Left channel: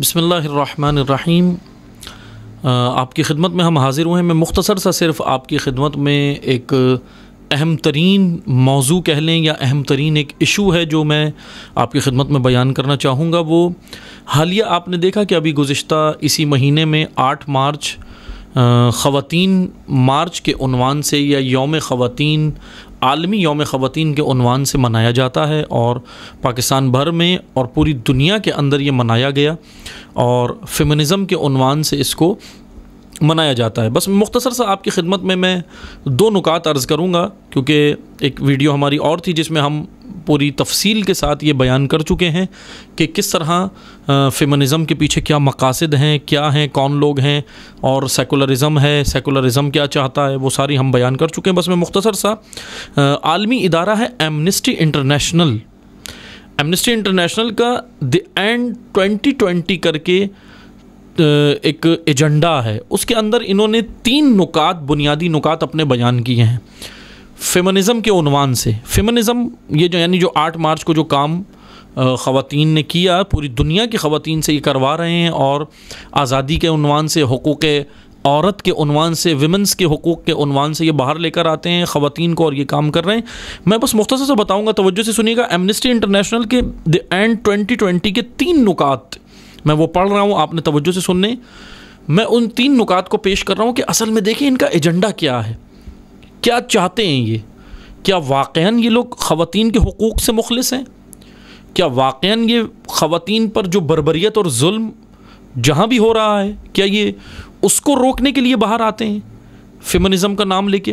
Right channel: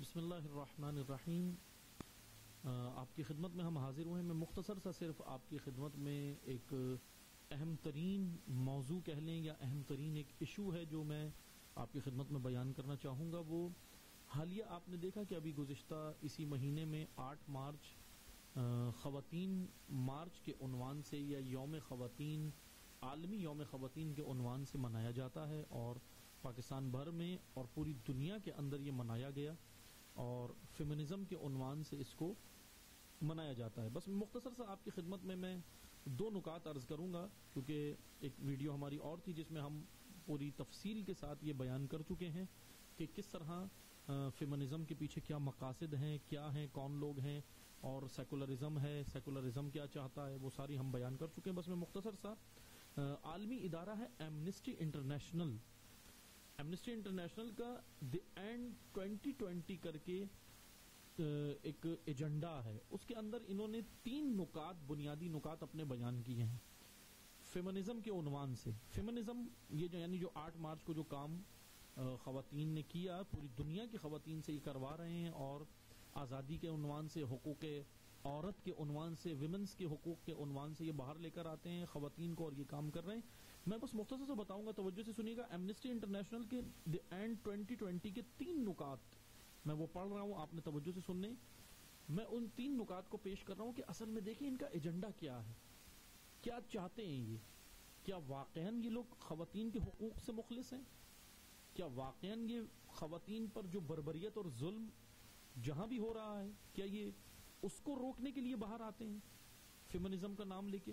بسم اللہ الرحمن الرحیم۔ آپ کی خدمت میں ہم حاضر ہوئے ہیں۔ میں مختصر سا صرف آپ کی خدمت میں ایک اہم ترین موضوع کہہ لیں یا اہم ترین ایک ایشو ہے جو میں آپ کی خدمت میں بیان کرنا چاہوں گا۔ وہ حالیہ آپ نے دیکھا کہ ابھی گزشتہ اسی مہینے میں 8 مارچ خواتین مارچ کے عنوان سے یا یوم خواتین، عالمی یوم خواتین کے عنوان سے منایا جاتا ہے، اور پاکستان بھر میں اور پوری دنیا کے اندر یہ منایا گیا، اور فیمنزم کے عنوان سے اس کو منایا جاتا ہے۔ بس مختصر سا آپ کی خدمت میں 2 نکات عرض کروں گا، کیونکہ ایک ویڈیو ہماری اور تھی جس میں ہم پوری تفصیل کے ساتھ یہ بیان کر چکے ہیں کہ کس طرح فیمنزم کے پیچھے کیا مقاصد ہیں، کیا ہیں، کون لوگ ہیں، اور سیکولرزم ہے، سیکولرزم کیا چاہتا ہے، وہ ساری ہم بیان کر چکے ہیں۔ بس میں مختصر سا عالمی ادارہ ہے ایمنسٹی انٹرنیشنل، ایمنسٹی انٹرنیشنل کا دی اینڈ 2020 کر کے ایک ایجنڈا ہے، اس کے اندر انہوں نے 3 نکات، بنیادی نکات اپنے بیان کیے ہیں فیمنزم کے عنوان سے۔ فیمنزم یہ جو یعنی جو 8 مارچ کو جو کام خواتین نے کیا، پوری دنیا کی خواتین سے یہ کروا رہے ہیں، اور آزادی کے عنوان سے، حقوق عورت کے عنوان سے، ویمنس کے حقوق کے عنوان سے یہ باہر لے کر آتے ہیں خواتین کو، اور یہ کام کر رہے ہیں۔ میں بس مختصر سے بتاؤں گا، توجہ سے سنیے گا۔ ایمنسٹی انٹرنیشنل کے دی اینڈ 2020 کے 3 نکات میں وہ پڑھ رہا ہوں، آپ نے توجہ سے سننے۔ میں ان 3 نکات کو پیش کر رہا ہوں کہ اصل میں دیکھیں ان کا ایجنڈا کیا ہے، کیا چاہتے ہیں یہ، کیا واقعاً یہ لوگ خواتین کے حقوق سے مخلص ہیں، کیا واقعاً یہ خواتین پر جو بربریت اور ظلم جہاں بھی ہو رہا ہے، کیا یہ اس کو روکنے کے لیے باہر آتے ہیں فیمنزم کا نام لے کے،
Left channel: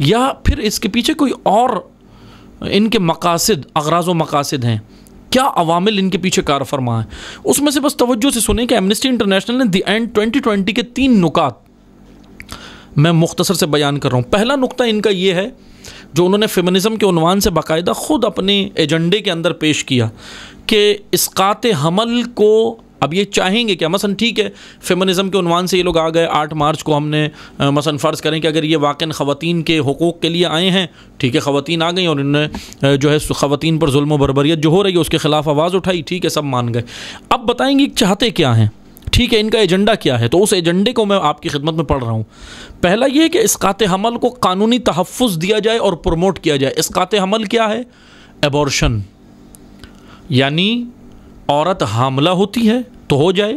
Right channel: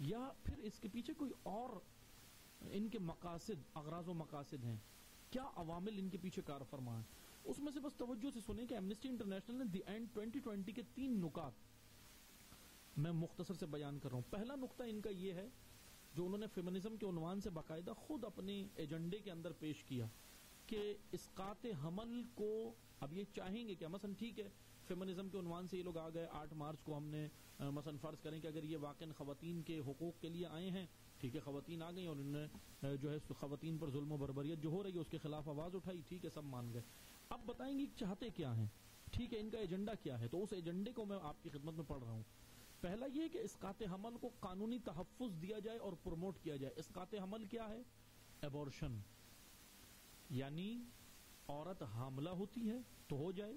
یا پھر اس کے پیچھے کوئی اور ان کے مقاصد، اغراض و مقاصد ہیں، کیا عوامل ان کے پیچھے کار فرما ہیں۔ اس میں سے بس توجہ سے سنیں کہ ایمنسٹی انٹرنیشنل نے دی اینڈ 2020 کے 3 نکات میں مختصر سے بیان کر رہا ہوں۔ پہلا نقطہ ان کا یہ ہے جو انہوں نے فیمنزم کے عنوان سے باقاعدہ خود اپنے ایجنڈے کے اندر پیش کیا، کہ اسقاط حمل کو اب یہ چاہیں گے کہ مثلا ٹھیک ہے فیمنزم کے عنوان سے یہ لوگ آ گئے 8 مارچ کو، ہم نے مثلا فرض کریں کہ اگر یہ واقعاً خواتین کے حقوق کے لیے آئے ہیں، ٹھیک ہے، خواتین آ گئیں اور انہوں نے جو ہے خواتین پر ظلم و بربریت جو ہو رہی ہے اس کے خلاف آواز اٹھائی، ٹھیک ہے، سب مان گئے۔ اب بتائیں گے چاہتے کیا ہیں، ٹھیک ہے، ان کا ایجنڈا کیا ہے، تو اس ایجنڈے کو میں آپ کی خدمت میں پڑھ رہا ہوں۔ پہلا یہ ہے کہ اسقاط حمل کو قانونی تحفظ دیا جائے اور پروموٹ کیا جائے۔ اسقاط حمل کیا ہے؟ ایبورشن، یعنی عورت حاملہ ہوتی ہے تو ہو جائے،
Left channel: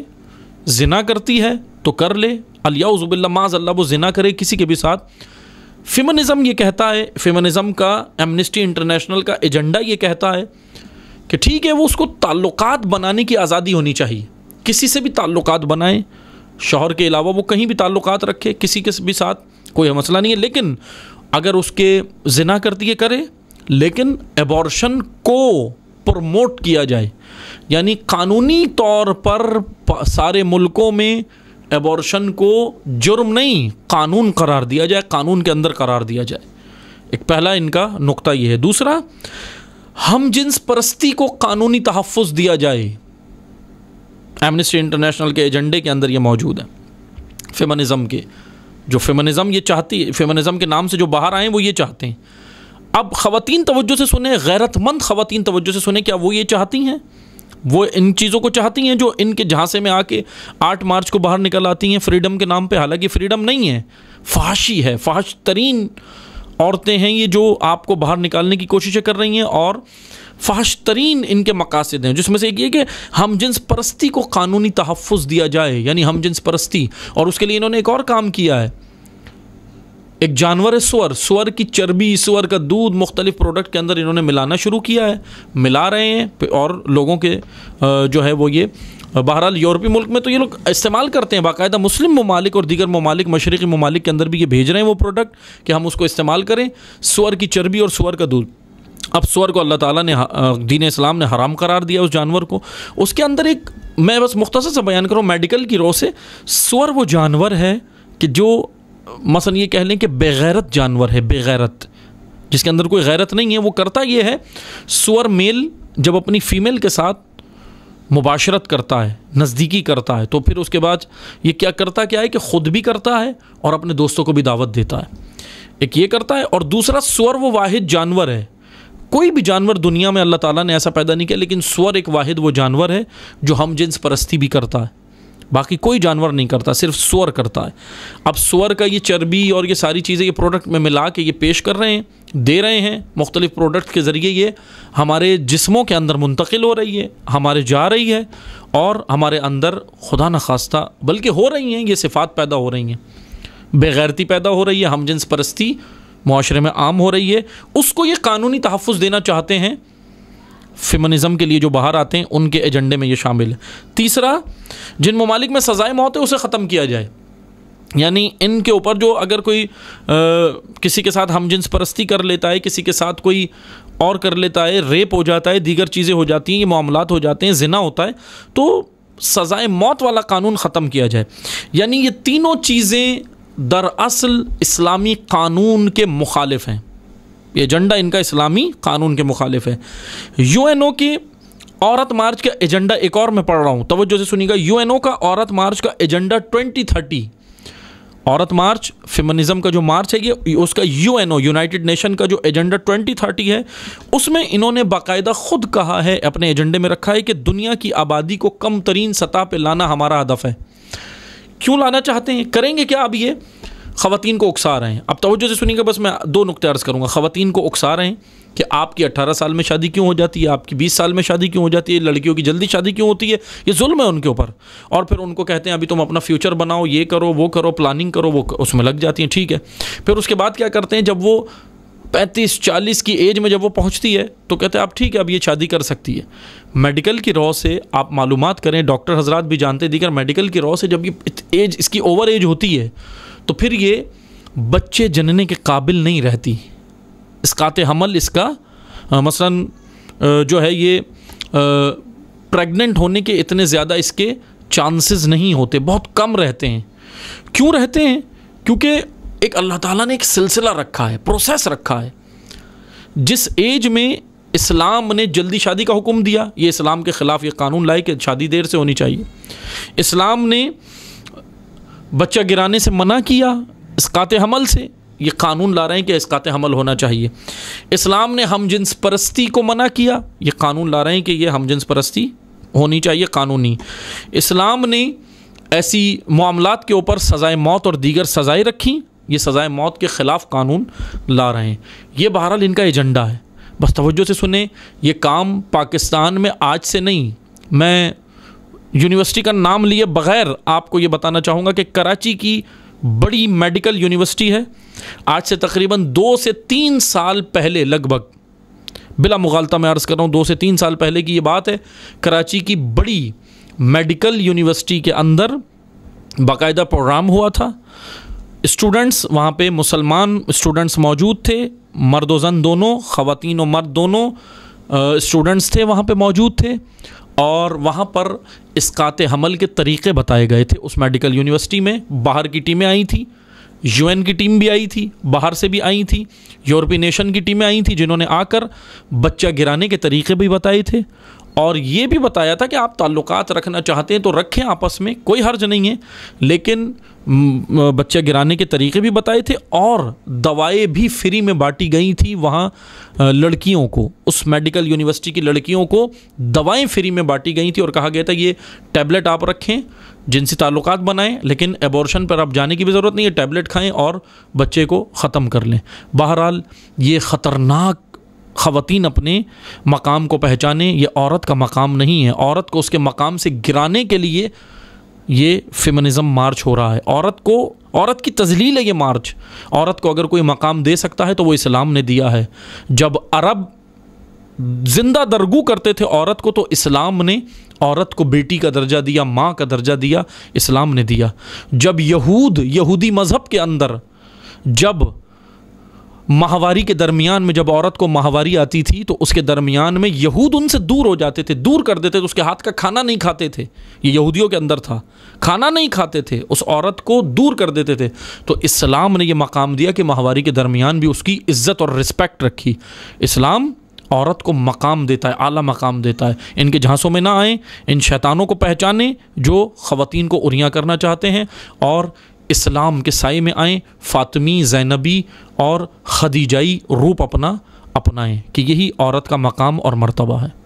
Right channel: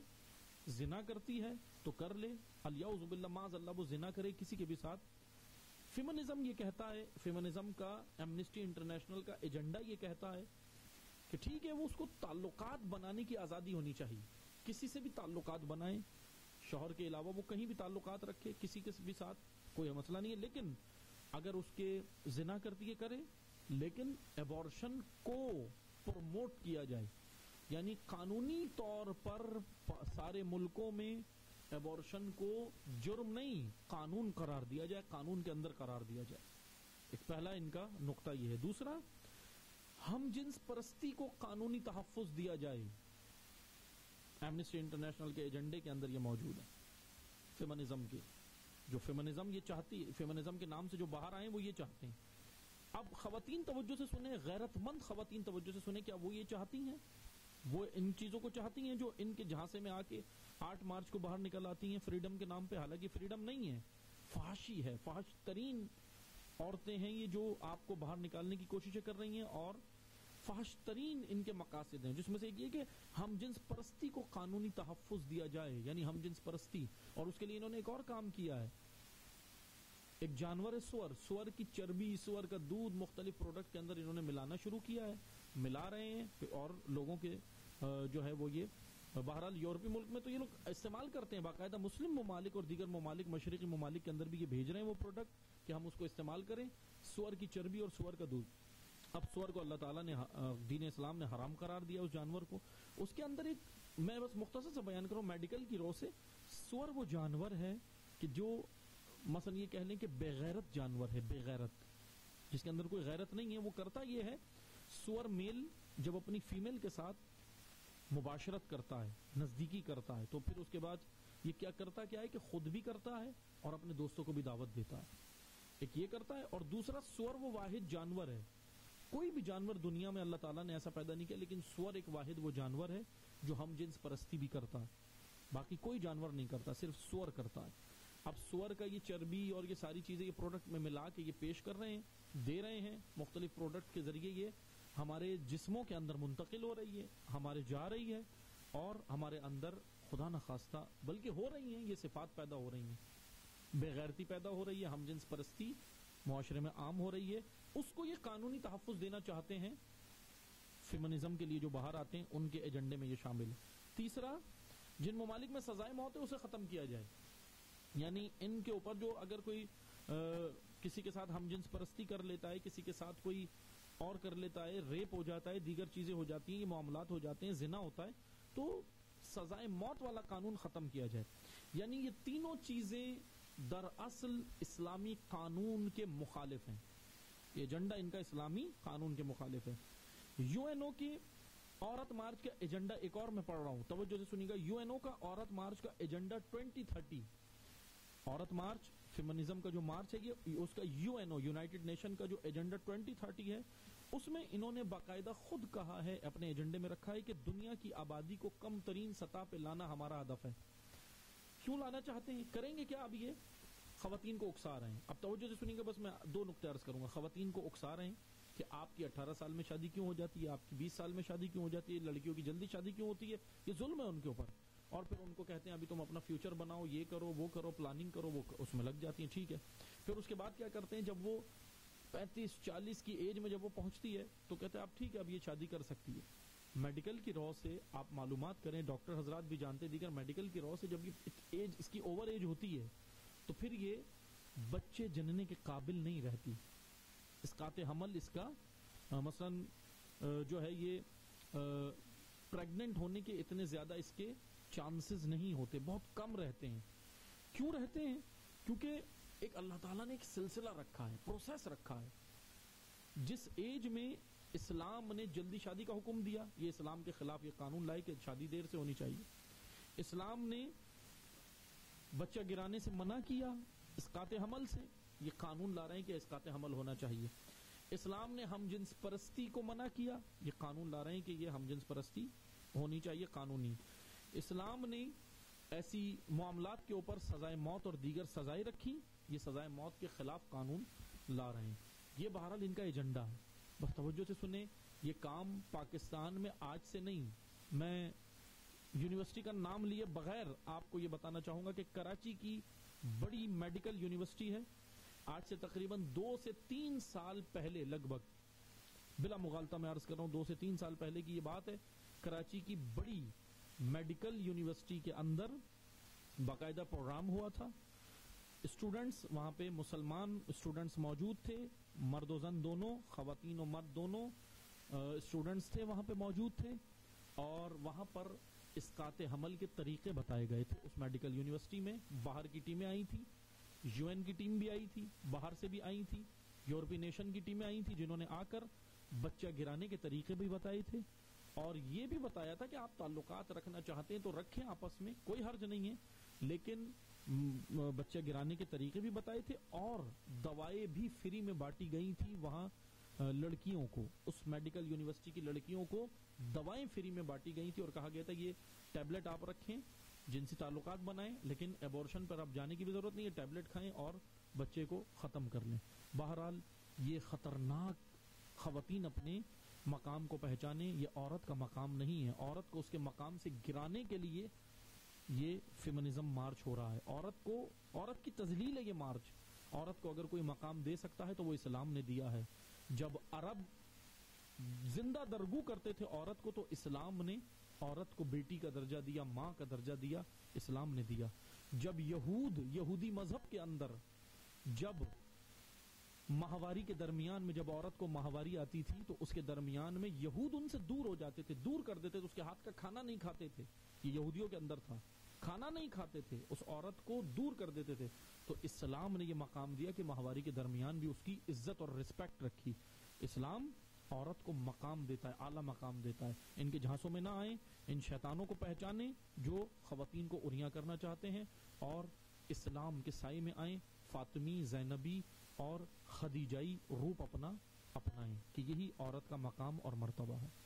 زنا کرتی ہے تو کر لے، الیعوذ باللہ، معاذ اللہ وہ زنا کرے کسی کے بھی ساتھ۔ فیمنزم یہ کہتا ہے، فیمنزم کا ایمنسٹی انٹرنیشنل کا ایجنڈا یہ کہتا ہے کہ ٹھیک ہے وہ اس کو تعلقات بنانے کی آزادی ہونی چاہیے، کسی سے بھی تعلقات بنائیں، شوہر کے علاوہ وہ کہیں بھی تعلقات رکھے کسی کے بھی ساتھ، کوئی مسئلہ نہیں ہے، لیکن اگر اس کے زنا کرتی ہے کرے، لیکن ایبورشن کو پروموٹ کیا جائے، یعنی قانونی طور پر سارے ملکوں میں ایبورشن کو جرم نہیں، قانون قرار دیا جائے، قانون کے اندر قرار دیا جائے۔ ایک پہلا ان کا نقطہ یہ ہے۔ دوسرا، ہم جنس پرستی کو قانونی تحفظ دیا جائے۔ ایمنسٹی انٹرنیشنل کے ایجنڈے کے اندر یہ موجود ہے، فیمنزم کے، جو فیمنزم یہ چاہتی ہے، فیمنزم کے نام سے جو باہر آئے ہیں وہ یہ چاہتے ہیں۔ اب خواتین توجہ سے سنیں، غیرت مند خواتین توجہ سے سنیں، کیا وہ یہ چاہتی ہیں؟ وہ ان چیزوں کو چاہتی ہیں جو ان کے جھانسے میں آ کے 8 مارچ کو باہر نکل آتی ہیں فریڈم کے نام پہ؟ حالانکہ فریڈم نہیں ہے، فحاشی ہے، فحش ترین عورتیں ہیں یہ جو آپ کو باہر نکالنے کی کوششیں کر رہی ہیں، اور فحش ترین ان کے مقاصد ہیں، جس میں سے ایک یہ کہ ہم جنس پرستی کو قانونی تحفظ دیا جائے، یعنی ہم جنس پرستی، اور اس کے لیے انہوں نے ایک اور کام کیا ہے۔ ایک جانور ہے سور کی چربی، سور کا دودھ مختلف پروڈکٹ کے اندر انہوں نے ملانا شروع کیا ہے، ملا رہے ہیں، اور لوگوں کے جو ہے وہ یہ بہرحال یورپی ملک میں تو یہ لوگ استعمال کرتے ہیں باقاعدہ، مسلم ممالک اور دیگر ممالک، مشرقی ممالک کے اندر بھی یہ بھیج رہے ہیں وہ پروڈکٹ کہ ہم اس کو استعمال کریں، سور کی چربی اور سور کا دودھ۔ اب سور کو اللہ تعالیٰ نے، دین اسلام نے حرام قرار دیا اس جانور کو۔ اس کے اندر ایک میں بس مختصر سے بیان کروں میڈیکل کی رو سے، سور وہ جانور ہے کہ جو مثلا یہ کہہ لیں کہ بے غیرت جانور ہے، بے غیرت، جس کے اندر کوئی غیرت نہیں ہے۔ وہ کرتا یہ ہے، سور میل جب اپنی فیمیل کے ساتھ مباشرت کرتا ہے، نزدیکی کرتا ہے، تو پھر اس کے بعد یہ کیا کرتا ہے کہ خود بھی کرتا ہے اور اپنے دوستوں کو بھی دعوت دیتا ہے۔ ایک یہ کرتا ہے، اور دوسرا سور وہ واحد جانور ہے کوئی بھی جانور دنیا میں اللہ تعالیٰ نے ایسا پیدا نہیں کیا، لیکن سور ایک واحد وہ جانور ہے جو ہم جنس پرستی بھی کرتا ہے، باقی کوئی جانور نہیں کرتا، صرف سور کرتا ہے۔ اب سور کا یہ چربی اور یہ ساری چیزیں یہ پروڈکٹ میں ملا کے یہ پیش کر رہے ہیں، دے رہے ہیں، مختلف پروڈکٹ کے ذریعے یہ ہمارے جسموں کے اندر منتقل ہو رہی ہے، ہمارے جا رہی ہے، اور ہمارے اندر خدا نخواستہ بلکہ ہو رہی ہیں یہ صفات پیدا ہو رہی ہیں، بے غیرتی پیدا ہو رہی ہے، ہم جنس پرستی معاشرے میں عام ہو رہی ہے۔ اس کو یہ قانونی تحفظ دینا چاہتے ہیں، فیمنزم کے لیے جو باہر آتے ہیں ان کے ایجنڈے میں یہ شامل ہے۔ تیسرا، جن ممالک میں سزائے موت ہے اسے ختم کیا جائے، یعنی ان کے اوپر جو اگر کوئی کسی کے ساتھ ہم جنس پرستی کر لیتا ہے، کسی کے ساتھ کوئی اور کر لیتا ہے، ریپ ہو جاتا ہے، دیگر چیزیں ہو جاتی ہیں، یہ معاملات ہو جاتے ہیں، زنا ہوتا ہے، تو سزائے موت والا قانون ختم کیا جائے۔ یعنی یہ تینوں چیزیں دراصل اسلامی قانون کے مخالف ہیں، یہ ایجنڈا ان کا اسلامی قانون کے مخالف ہے۔ یو این او کے عورت مارچ کا ایجنڈا ایک اور میں پڑھ رہا ہوں، توجہ سے سنیے گا۔ یو این او کا عورت مارچ کا ایجنڈا 2030، عورت مارچ فیمنزم کا جو مارچ ہے یہ اس کا U N O United Nation کا جو ایجنڈا 2030 ہے، اس میں انہوں نے باقاعدہ خود کہا ہے، اپنے ایجنڈے میں رکھا ہے کہ دنیا کی آبادی کو کم ترین سطح پہ لانا ہمارا ہدف ہے۔ کیوں لانا چاہتے ہیں؟ کریں گے کیا؟ اب یہ خواتین کو اکسا رہے ہیں۔ اب توجہ سے سنیں گے، بس میں 2 نقطے عرض کروں گا۔ خواتین کو اکسا رہے ہیں کہ آپ کی 18 سال میں شادی کیوں ہو جاتی ہے، آپ کی 20 سال میں شادی کیوں ہو جاتی ہے، لڑکیوں کی جلدی شادی کیوں ہوتی ہے، یہ ظلم ہے ان کے اوپر۔ اور پھر ان کو کہتے ہیں ابھی تم اپنا فیوچر بناؤ، یہ کرو وہ کرو، پلاننگ کرو، وہ اس میں لگ جاتی ہیں، ٹھیک ہے۔ پھر اس کے بعد کیا کرتے ہیں، جب وہ 35-40 کی ایج میں جب وہ پہنچتی ہے تو کہتے ہیں اب ٹھیک ہے، اب یہ شادی کر سکتی ہے۔ میڈیکل کی رو سے آپ معلومات کریں، ڈاکٹر حضرات بھی جانتے، دیگر میڈیکل کی رو سے جب یہ ایج اس کی اوور ایج ہوتی ہے تو پھر یہ بچے جننے کے قابل نہیں رہتی، اسقاط حمل اس کا مثلاً جو ہے یہ پریگننٹ ہونے کے اتنے زیادہ اس کے چانسز نہیں ہوتے، بہت کم رہتے ہیں۔ کیوں رہتے ہیں؟ کیونکہ ایک اللہ تعالیٰ نے ایک سلسلہ رکھا ہے، پروسیس رکھا ہے۔ جس ایج میں اسلام نے جلدی شادی کا حکم دیا، یہ اسلام کے خلاف یہ قانون لائے کہ شادی دیر سے ہونی چاہیے۔ اسلام نے بچہ گرانے سے منع کیا، اسقاط حمل سے، یہ قانون لا رہے ہیں کہ اسقاط حمل ہونا چاہیے۔ اسلام نے ہم جنس پرستی کو منع کیا، یہ قانون لا رہے ہیں کہ یہ ہم جنس پرستی ہونی چاہیے، قانونی۔ اسلام نے ایسی معاملات کے اوپر سزائے موت اور دیگر سزائیں رکھی، یہ سزائے موت کے خلاف قانون لا رہے ہیں۔ یہ بہرحال ان کا ایجنڈا ہے۔ بس توجہ سے سنیں، یہ کام پاکستان میں آج سے نہیں، میں یونیورسٹی کا نام لیے بغیر آپ کو یہ بتانا چاہوں گا کہ کراچی کی بڑی میڈیکل یونیورسٹی ہے، آج سے تقریباً 2 سے 3 سال پہلے، لگ بھگ بلا مغالطہ میں عرض کر رہا ہوں 2 سے 3 سال پہلے کی یہ بات ہے، کراچی کی بڑی میڈیکل یونیورسٹی کے اندر باقاعدہ پروگرام ہوا تھا۔ اسٹوڈنٹس وہاں پہ مسلمان اسٹوڈنٹس موجود تھے، مرد و زن دونوں، خواتین و مرد دونوں اسٹوڈنٹس تھے وہاں پہ موجود تھے، اور وہاں پر اسقاط حمل کے طریقے بتائے گئے تھے۔ اس میڈیکل یونیورسٹی میں باہر کی ٹیمیں آئی تھیں، یو این کی ٹیم بھی آئی تھی، باہر سے بھی آئی تھی، یورپی نیشن کی ٹیمیں آئی تھیں، جنہوں نے آ کر بچہ گرانے کے طریقے بھی بتائے تھے، اور یہ بھی بتایا تھا کہ آپ تعلقات رکھنا چاہتے ہیں تو رکھیں آپس میں، کوئی حرج نہیں ہے، لیکن بچہ گرانے کے طریقے بھی بتائے تھے، اور دوائیں بھی فری میں بانٹی گئی تھی وہاں لڑکیوں کو، اس میڈیکل یونیورسٹی کی لڑکیوں کو دوائیں فری میں بانٹی گئی تھی، اور کہا گیا تھا یہ ٹیبلٹ آپ رکھیں، جنسی تعلقات بنائیں، لیکن ایبورشن پر آپ جانے کی بھی ضرورت نہیں ہے، ٹیبلٹ کھائیں اور بچے کو ختم کر لیں۔ بہرحال یہ خطرناک، خواتین اپنے مقام کو پہچانے، یہ عورت کا مقام نہیں ہے، عورت کو اس کے مقام سے گرانے کے لیے یہ فیمنزم مارچ ہو رہا ہے، عورت کی تذلیل ہے یہ مارچ۔ عورت کو اگر کوئی مقام دے سکتا ہے تو وہ اسلام نے دیا ہے۔ جب عرب زندہ درگو کرتے تھے عورت کو تو اسلام نے عورت کو بیٹی کا درجہ دیا، ماں کا درجہ دیا، اسلام نے دیا۔ جب یہودی مذہب کے اندر جب ماہواری کے درمیان میں جب عورت کو ماہواری آتی تھی تو اس کے درمیان میں یہود ان سے دور ہو جاتے تھے، دور کر دیتے تھے، اس کے ہاتھ کا کھانا نہیں کھاتے تھے، یہ یہودیوں کے اندر تھا، کھانا نہیں کھاتے تھے، اس عورت کو دور کر دیتے تھے، تو اسلام نے یہ مقام دیا کہ ماہواری کے درمیان بھی اس کی عزت اور رسپیکٹ رکھی۔ اسلام عورت کو مقام دیتا ہے، اعلیٰ مقام دیتا ہے۔ ان کے جھانسوں میں نہ آئیں، ان شیطانوں کو پہچانیں جو خواتین کو عریاں کرنا چاہتے ہیں، اور اسلام کے سائے میں آئیں، فاطمی، زینبی اور خدیجائی روپ اپنا اپنائیں کہ یہی عورت کا مقام اور مرتبہ ہے۔